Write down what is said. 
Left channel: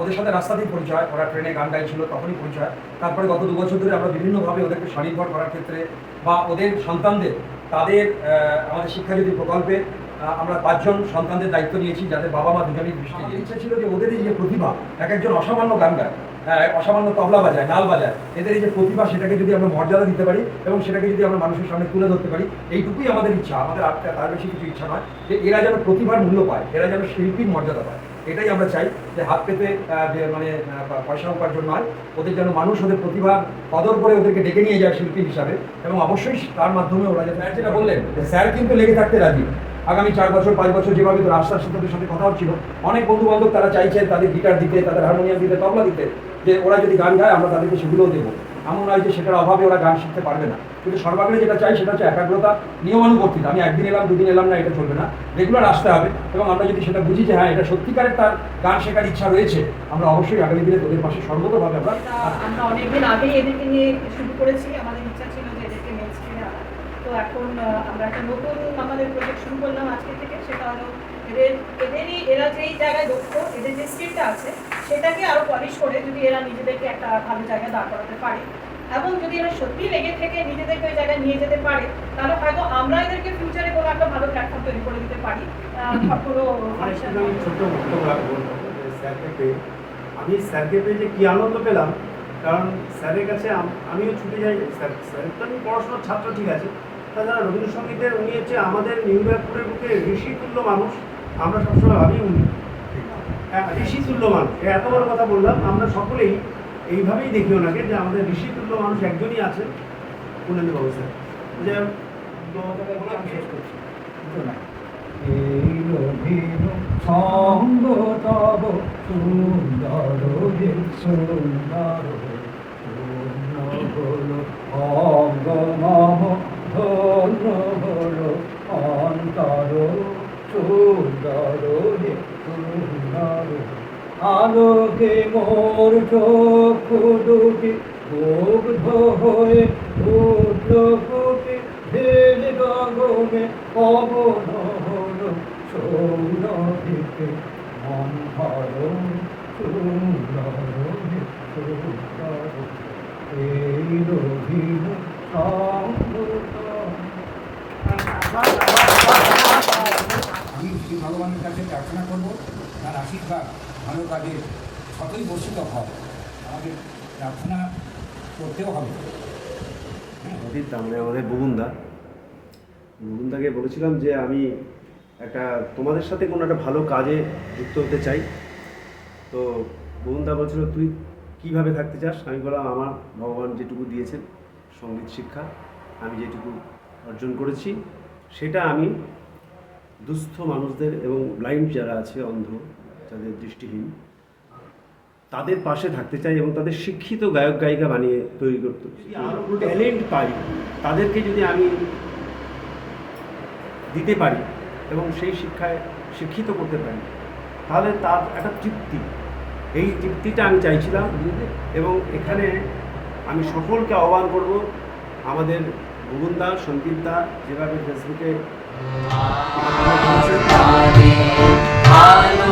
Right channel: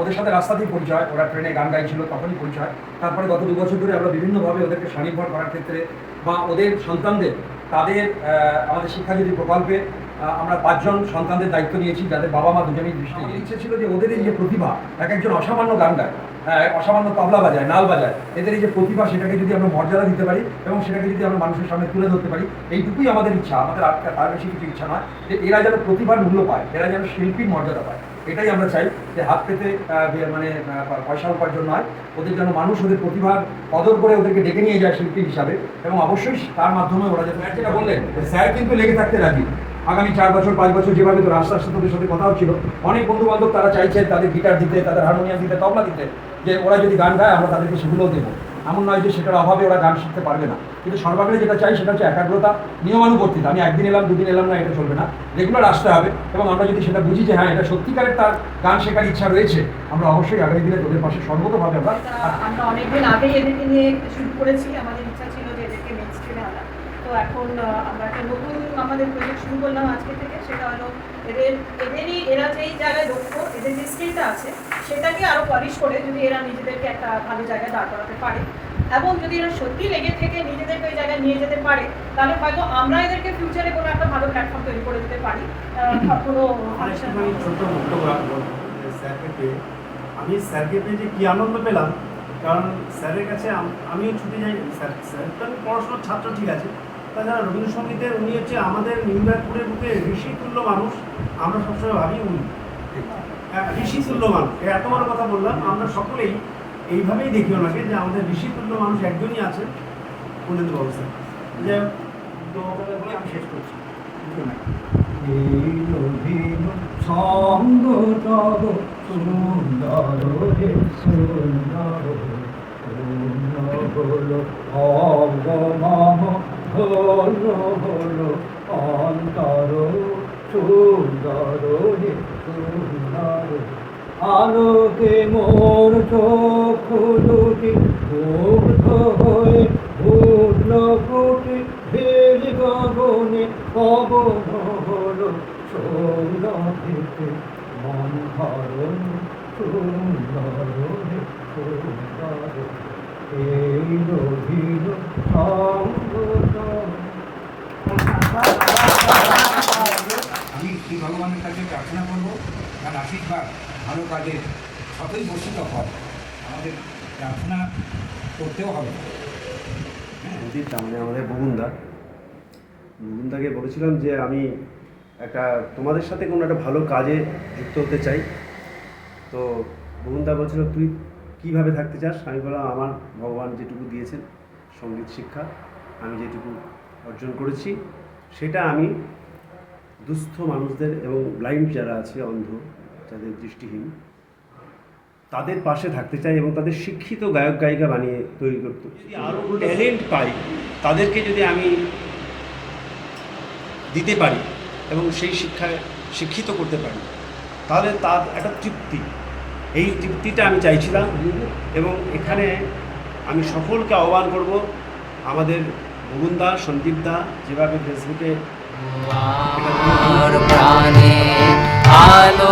ওদের সাথে রাস্তাতেই পরিচয় ওরা ট্রেনে গান গাইছিল তখনই পরিচয়। তারপরে গত দু বছর ধরে আমরা বিভিন্নভাবে ওদেরকে স্বনির্ভর করার ক্ষেত্রে বা ওদের সন্তানদের তাদের আমাদের শিক্ষাজ্যোতি প্রকল্পে আমরা পাঁচজন সন্তানদের দায়িত্ব নিয়েছি যাদের বাবা মা দুজনেই দৃষ্টি ইচ্ছে ছিল যে ওদের এই যে প্রতিভা এক একজন অসামান্য গান গায় অসামান্য তবলা বাজায় নাল বাজায় এদের এই যে প্রতিভা সেটাকে যদি আমরা মর্যাদা দিতে পারি এবং সেটাকে যদি আমরা মানুষের সামনে তুলে ধরতে পারি এইটুকুই আমাদের ইচ্ছা। আমাদের আর তার বেশি কিছু ইচ্ছা নয় যে এরা যেন প্রতিভার মূল্য পায় এরা যেন শিল্পীর মর্যাদা পায়। এটাই আমরা চাই যে হাত পেতে মানে পয়সা উপার্জন নয়। ওদের যেন মানুষ ওদের প্রতিভার কদর করে ওদেরকে ডেকে নিয়ে যায় শিল্পী হিসাবে এবং অবশ্যই তার মাধ্যমে ওরা যে স্যার যেটা বললেন যে স্যার কিন্তু লেগে থাকতে রাজি। আগামী চার বছর, পাঁচ বছর যেভাবে তো আস্তে তোদের সাথে কথা হচ্ছিল অনেক বন্ধু বান্ধব তারা চাইছে তাদের গিটার দিতে, তাদের হারমোনিয়াম দিতে, তবলা দিতে, যে ওরা যদি গান গায় আমরা তাদেরকে সেগুলোও দেবো। এমন নয় যে সেটার অভাবে ওরা গান শিখতে পারবে না। কিন্তু সর্বাগ্রে যেটা চাই সেটা হচ্ছে একাগ্রতা, নিয়মানুবর্তিতা। আমি একদিন এলাম, দুদিন এলাম না, এটা চলবে না। রেগুলার আসতে হবে এবং আমরা যদি সেটা বুঝি যে হ্যাঁ এটা সত্যিকারের তার গান শেখার ইচ্ছা রয়েছে, আমরা অবশ্যই আগামী দিনে তোদের পাশে সর্বতভাবে আমরা অনেকদিন আগেই এদেরকে নিয়ে শুরু করেছি। আমাদের ইচ্ছা ছিল যে এদেরকে নেক্সট স্টেজে আনা তো এখন আমরা একটা নতুন আমাদের প্রজেক্ট শুরু করলাম আজকে থেকে সেটা হলো এদের এদেরই এরা যেই জায়গায় দক্ষ এদের যে স্কিলটা আছে সেটাকে আরও পলিশ করে যদি এরা নিজেদেরকে একটা ভালো জায়গায় দাঁড় করাতে পারে। এবং যদি এরা সত্যি লেগে থেকে নিজেদেরকে ওই জায়গায় নিয়ে যেতে পারে তাহলে হয়তো আমরা এদেরকে ফিউচারে কোনো একটা ভালো প্ল্যাটফর্ম তৈরি করে দিতে পারি। কোনো আমি স্যারকে পেয়ে যে কী আনন্দ পেলাম কারণ স্যারের কাছে আমিও ছুটে যাই স্যার স্যার তো আমি পড়াশোনার ছাত্র ঠিক আছে তাছাড়া রবীন্দ্রসঙ্গীতের উনি হচ্ছে আমাদের নিউ ব্যারাকপুরের বুকে ঋষি তুল্য মানুষ আমরা সবসময় ভাবি উনি হ্যাঁ, ঋষি তুল্য মানুষ এত বড় কথা বললাম আমরা সকলেই এইভাবেই দেখি ওনাকে যে আমাদের ঋষি তুল্য মানুষ একজনই আছেন পুনেন্দ্র বাবু স্যার যে আমি করছি সঙ্গ তব সুন্দর হে সুন্দর সুন্দর হে সুন্দর। আলোকে মোর চক্ষু দুটি মুগ্ধ হয়ে উঠল ফুটে। ঢেল গগনে পবন হল সৌরভিতে মন ধর সুন্দর হে সুন্দর। এই রহিল সঙ্গত আমি ভগবানের কাছে প্রার্থনা করব, তার আশীর্বাদ, ভালো কাজের যতই বসিত হয় আমাদের প্রার্থনা করতেও হবে। হ্যাঁ। আমাদের বুগুন্দা। বুগুন্দাকে বলেছিলাম যে আমি একটা তোমাদের সাথে কোনো একটা ভালো কাজে যুক্ত হতে চাই। তো বুগুন্দা বলছিল, তুই কীভাবে থাকতে চাস? আমি বললাম, আমার ভগবান যেটুকু দিয়েছেন, সংগীত শিক্ষা, আমি যেটুকু অর্জন করেছি, সেটা আমি দুস্থ মানুষদের এবং ব্লাইন্ড যারা আছে, অন্ধ যাদের দৃষ্টিহীন, তাদের পাশে থাকতে চাই এবং তাদের শিক্ষিত গায়ক, গায়িকা বানিয়ে তৈরি করতে আরও ট্যালেন্ট পাই, তাদেরকে যদি আমি দিতে পারি এবং সেই শিক্ষায় শিক্ষিত করতে পারি, তাহলে তার একটা তৃপ্তি। এই তৃপ্তিটা আমি চাইছিলাম এবং এখানে আমি সকলকে আহ্বান করব, আমাদের ভুবনদা সন্দীপদা যেভাবে ফেসবুকে માર પાને આન